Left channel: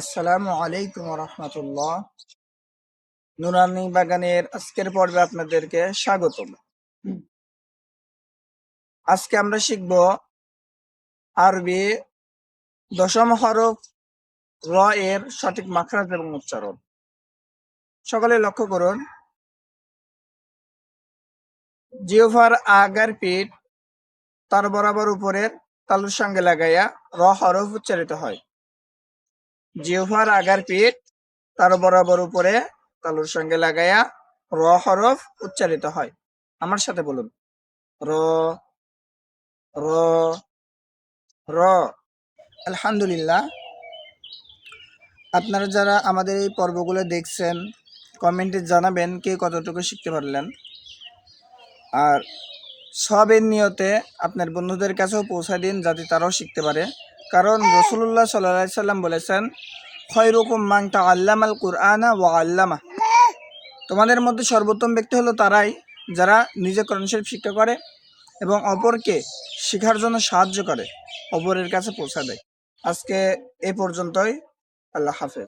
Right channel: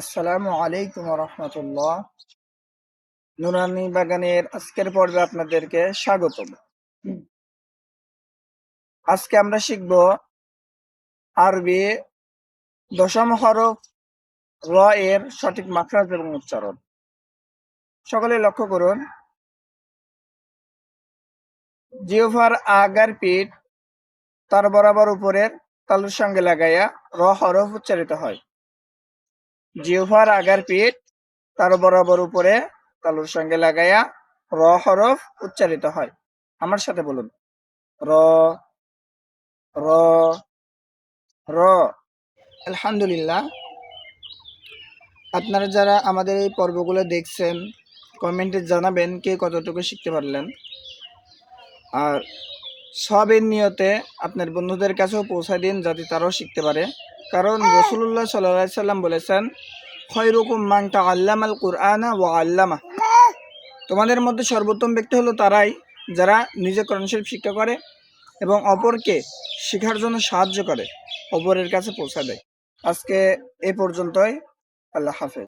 আসসালামু আলাইকুম রহমতুল্লাহ। নুরানি বাগানের আজকের পর্বে আপনাদেরকে স্বাগতম। আজকে আমরা শিখব আরবি দশম হরফ র এর সঠিক মাখরাজ এবং উচ্চারণ। সকলে লক্ষ্য করুন, জিহ্বার আগার পিঠ তার বরাবর উপরের তালুর সঙ্গে লাগাইয়া র হরফ উচ্চারিত হয়। জিহ্বার আগার পিঠ তার বরাবর উপরে তালুর সঙ্গে লাগাইয়া র হরফ উচ্চারিত হয়। আমার সাথে বলুন, র র র। আলহামদুলিল্লাহ, আপনারা যারা আমাদের এই পর্বগুলো দেখছেন কমেন্টে জানাবেন কে কতটুকু শিখতে পারলেন। আর সবের নিয়তে আপনার বন্ধুদের কাছেও পৌঁছায় দিন যাতে তারাও শিখতে পারে। কারণ রাসূলুল্লাহ সাল্লাল্লাহু আলাইহি সাল্লাম বলেছেন, খায়রুকুম মান তাআল্লামাল কুরআনা ওয়া আল্লামা। তোমাদের মধ্যে সর্বোত্তম ব্যক্তি হলো তারাই যারা নিজে কোরআন শরীফ শিক্ষা করে এবং অপরকে শেখার জন্য সাহায্য করে, অপরের কাছে পৌঁছা দেয়। আজকে এ পর্যন্তই। আল্লাহ হাফেজ।